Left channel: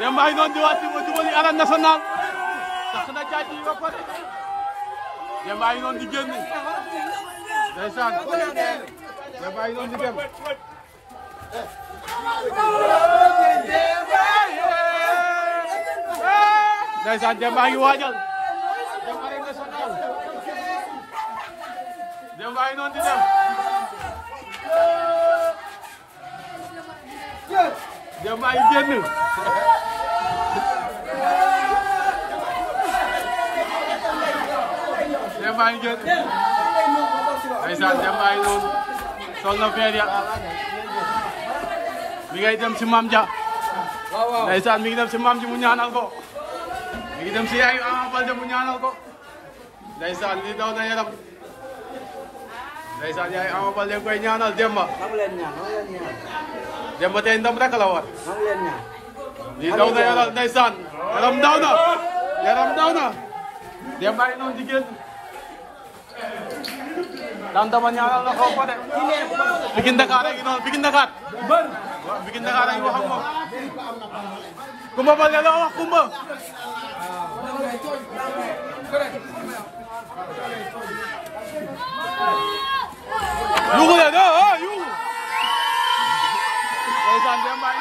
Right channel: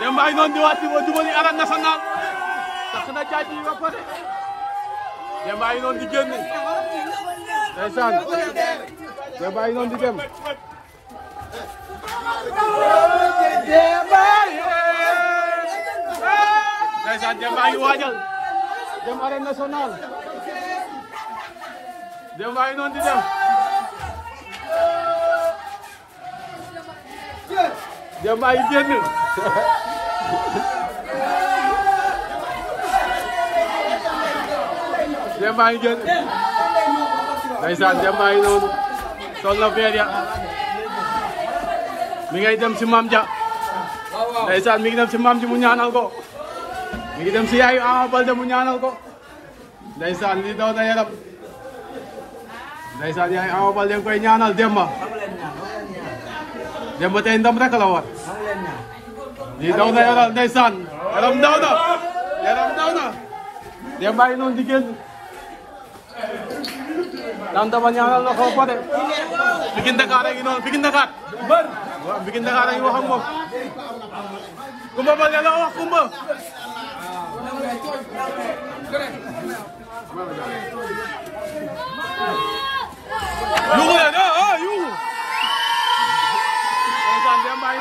Demba yi noonu di wàcc ba jubali Arène Nationale tax na jaaj yi ba pare Demba yi noonu di génn ndeysaan Demba yi noonu di dem ndeysaan Demba yi waajal dem Arène Nationale Demba yi noonu di dem Demba yi génn Demba yi génn ndeysaan Demba yi noonu sol na feer ya mi ngay dem si Mame Dia ndeysaan mi ngi dem si Mame Dia mu ñaanal ko mi ngi dem si yaayu Ama Baldé mu ñaanal ko ndeysaan li daw na yaram ndeysaan yaayu Ama Baldé koy ñaanal Demba tey ndam rek la war li daw na yaram ndeysaan yaram daw na Demba yi noonu di génn daan dama ñaanal la ko pare Pikine Dakar rek noonu Pikine Dakar bër waaw Pikine Dakar rek wax ak moom Kumba Baldé la wax Kumba yugu la do yugu ndeysaan Demba yi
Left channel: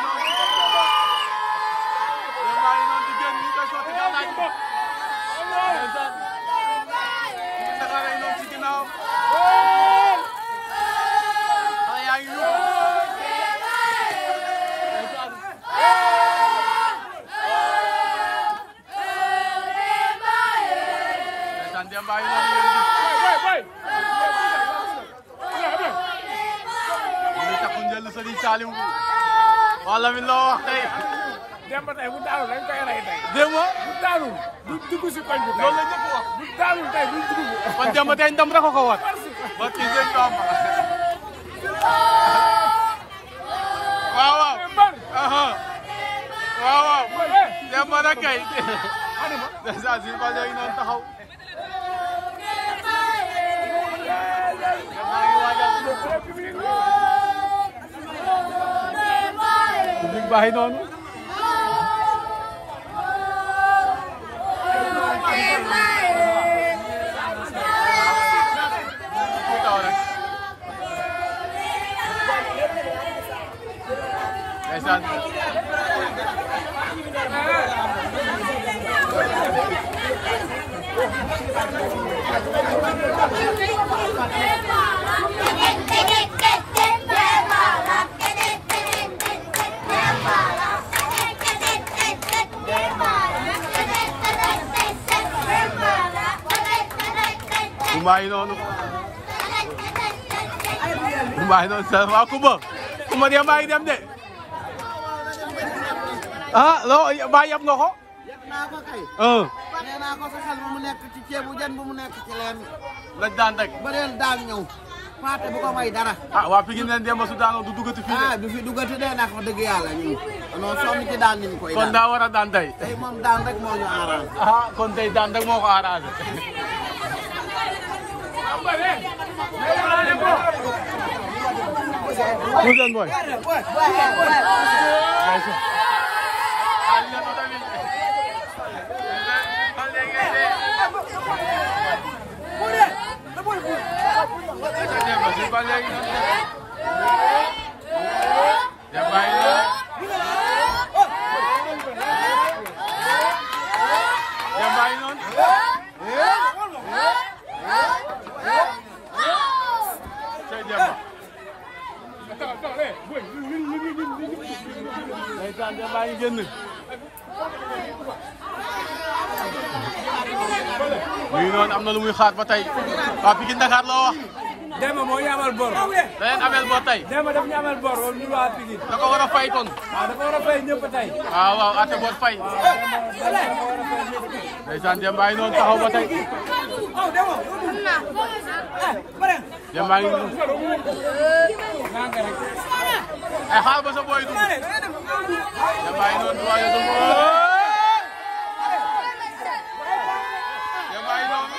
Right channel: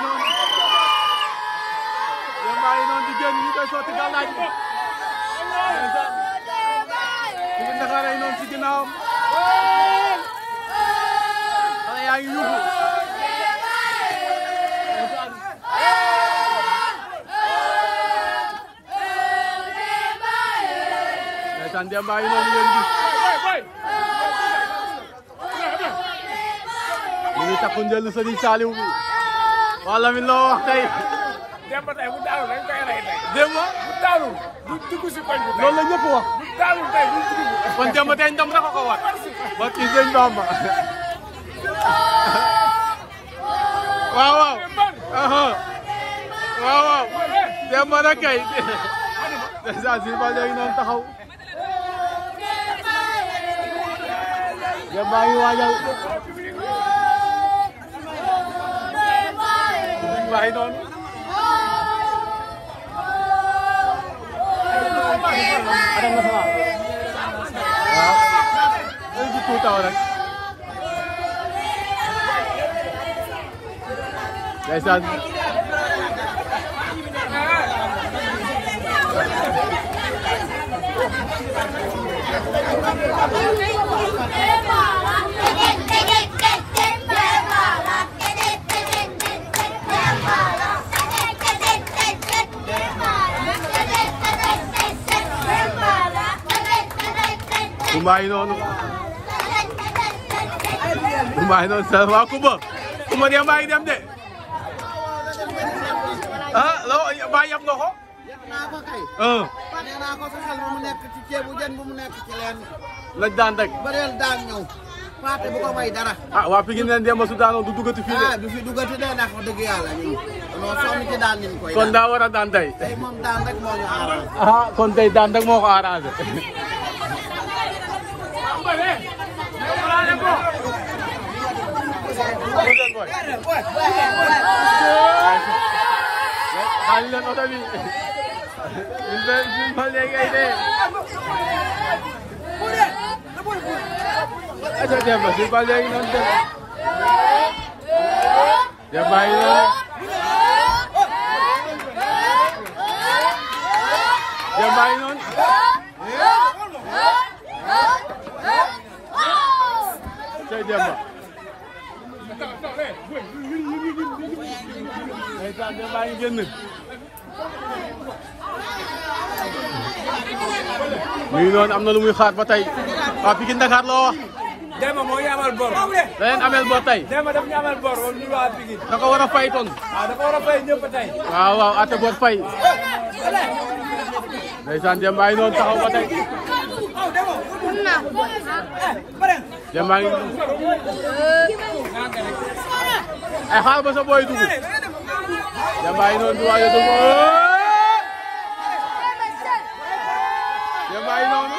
noonu di génn ñu koy sotti gàllaaj ndeysaan Pikine Dakar rek noonu ci ginnaawam xale yaa ngi yugu ndeysaan Demba yi noonu ngeen gis ñu ngi takku njël Serigne Saliou bi wala mi loo wax tey Demba tey bu daanul dañ koy rey tey. Demba bu daanul du dugg si koñ bi. loolu la ñëpp wax. bu daanul tey du dugg. kon Demba tey ndam rek ko war. ba ci sëñ Bamba. waaw waaw. waaw waaw. Demba nag kay. déjà si ba léegi noonu taxaw. Demba ngi waajal. Public baa ngi noonu. taw rek ndeysaan Kumba yi noonu sa waa Kumba Demba yi dem de ah loo ba yab nga ko yab naa ko kay nee naa ko fexeel bu mu nekk ci ceebu jën bu mu nekk ci leen lañ daan rek bëreel daan ñëw Paate bu ko may dara ah waa Pikine leen Demba su daanoo du duggati fii de du fi duggati de ndax dëgg yàlla ñun non sonn ci daan niñ koy kon daa war a daan tey tey moom daan rek moo ñu arrangé kon tey daan rek moo ko arrangé xaalis leen oto bi ma léegi ay dee aca Demba si ba léegi noonu Demba yi noonu Demba yi noonu tey Demba Demba yi génn muy noonu am na lu muy xaar ba tey waa Pikine Dakar loo wax Demba moo ñu amal bor da leen amel bor tey Demba daf ñu amal bor ñu waa Pikine da ko war a fay kon waaw dafa war a fay ñëpp tey waaw waaw ate bor fay ndeysaan Demba yi noonu taxaw ba tey Demba ngi ay xaar ba sa boy dugg Demba yi noonu du waaye dugg Demba yi noonu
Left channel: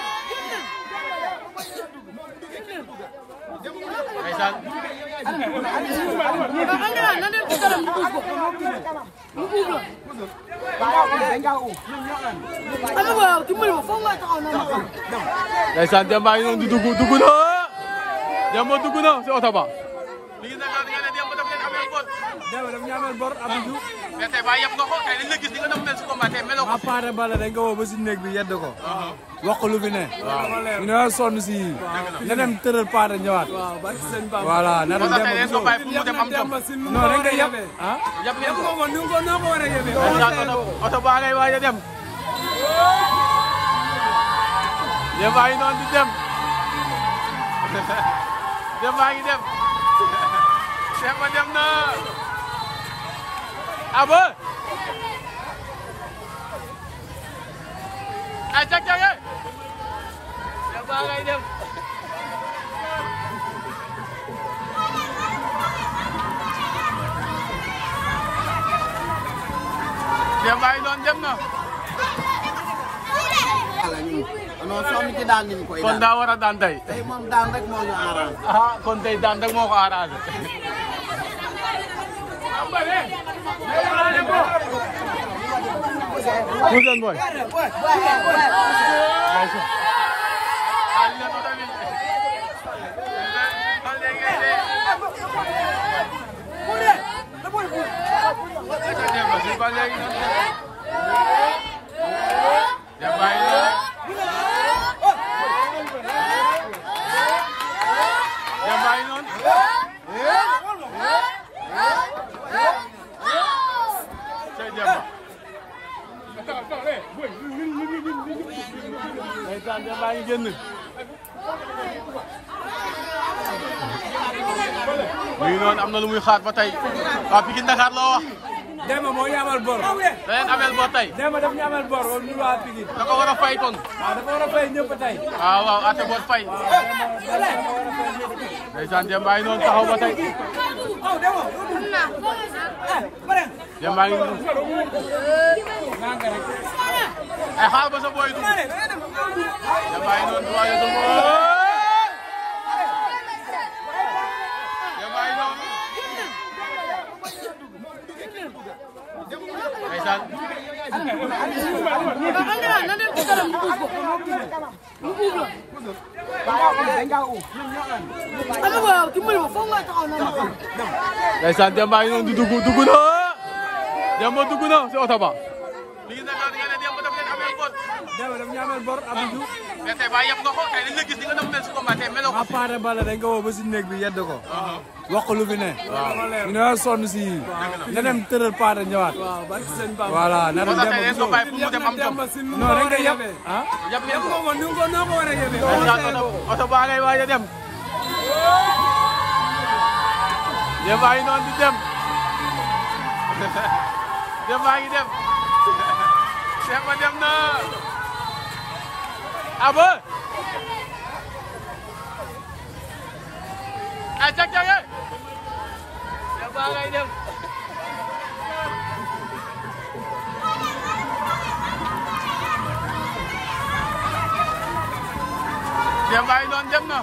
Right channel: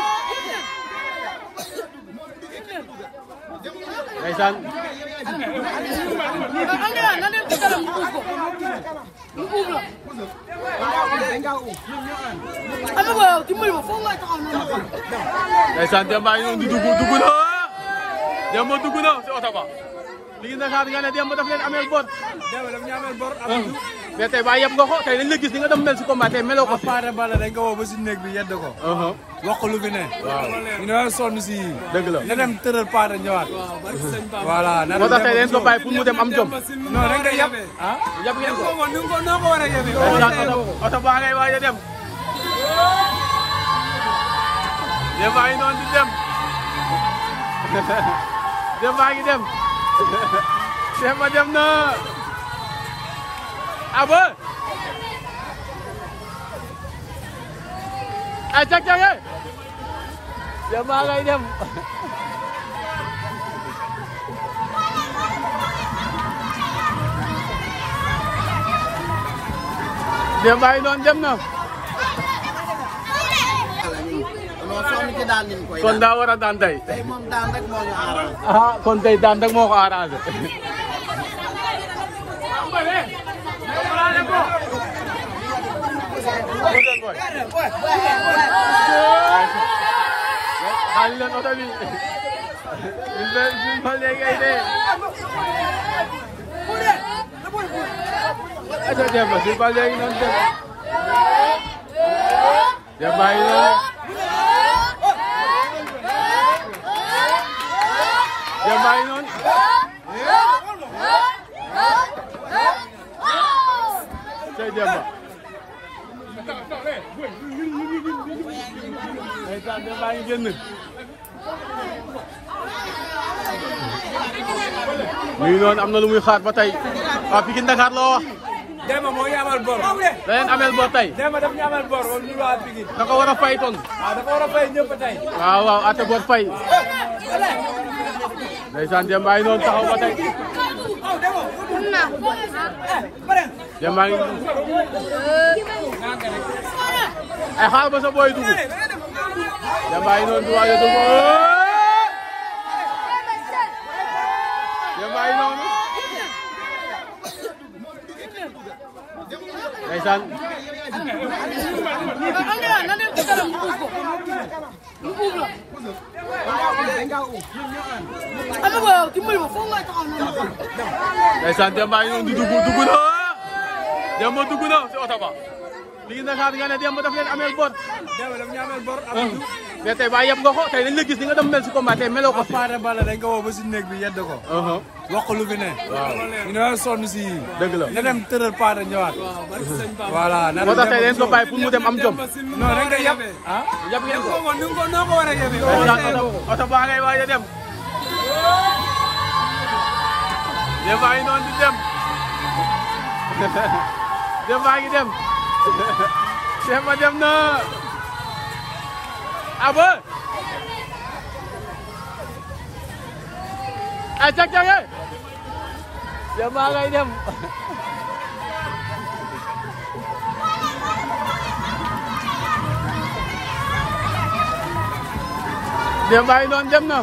ndeysaan na dem ci kanam ñu buub ko ñu buub la ama ko yow dimbali ma foog nga taxaw ma xam ndeysaan Demba ngi noonu di dugg na Demba dugg na si oto ba li ngi Dakar nga ne Demba daf leen ameel bor Demba daf ñu ameel bor Abdou mais tey ba yeb nga ko tey dañ la gis ni nga dem mel si combat tey meloo ko appareil bala dañ ko woo ba si néeg bi yedd ko wax ko lu fi ne ñu ne sonn si dëgg la na dem tëral paare ñëwaat voilà moo tax tey dañ ko bàyyi pour mu dem am jom non dañ ko yeb ah yeb ngeen ko ni ko noo ko war a yeb ndeysaan oto baa ngay waaj a dem Demba ngi noonu di dem Demba ngi dem Demba dem na abo ay cag-cage Demba ngay dem Demba ngi noonu dem na non sonn ci daan niñ koy kon daa war a daan tey tey moom daan rek moo ñu arrangé kon tey daan rek moo ko arrangé xaali leen oto bi ma léegi ay dee aca Demba si ba léegi noonu dem Demba yi noonu Demba yi noonu tey Demba Demba yi génn muy noonu am na lu muy xaar ba tey waa Pikine Dakar loo wax Demba moo ñu amal bor da leen ameel bor tey Demba daf ñu amal bor wala ñu waa Pikine da ko war a fay kon waaw dafa war a fay ñëpp tey waaw ate bor fay ndeysaan Demba yi noonu taxaw ba tey Demba ngi ay xaar ba sa booy dugg Demba yi noonu di waaj a dugg Demba yi noonu ndeysaan na dem ci kanam ñu buub ko ñu buub la ama ko yow dimbali ma foog nga taxaw ma xam ndeysaan Demba ngi noonu di dugg na Demba dugg na si oto ba li ngi Dakar nga ne Demba daf leen ameel bor Demba daf ñu ameel bor Abdou mais tey ba yeb nga ko tey dañ la gis ni nga dem mel si combat tey meloo ko appareil bala dañ ko woo ba si néeg bi yedd ko wax ko lu fi ne ñu ne sonn si dëgg la na dem tëral paare ñëwaat voilà moo tax tey dañ ko bàyyi pour mu dem am jom non dañ ko yeb ah yeb ngeen ko ni ko noo ko war a yeb ndeysaan oto baa ngay waaj a dem Demba ngi noonu di dem Demba ngi dem Demba dem na abo ay cag-cage Demba ngay dem Demba ngi noonu dem na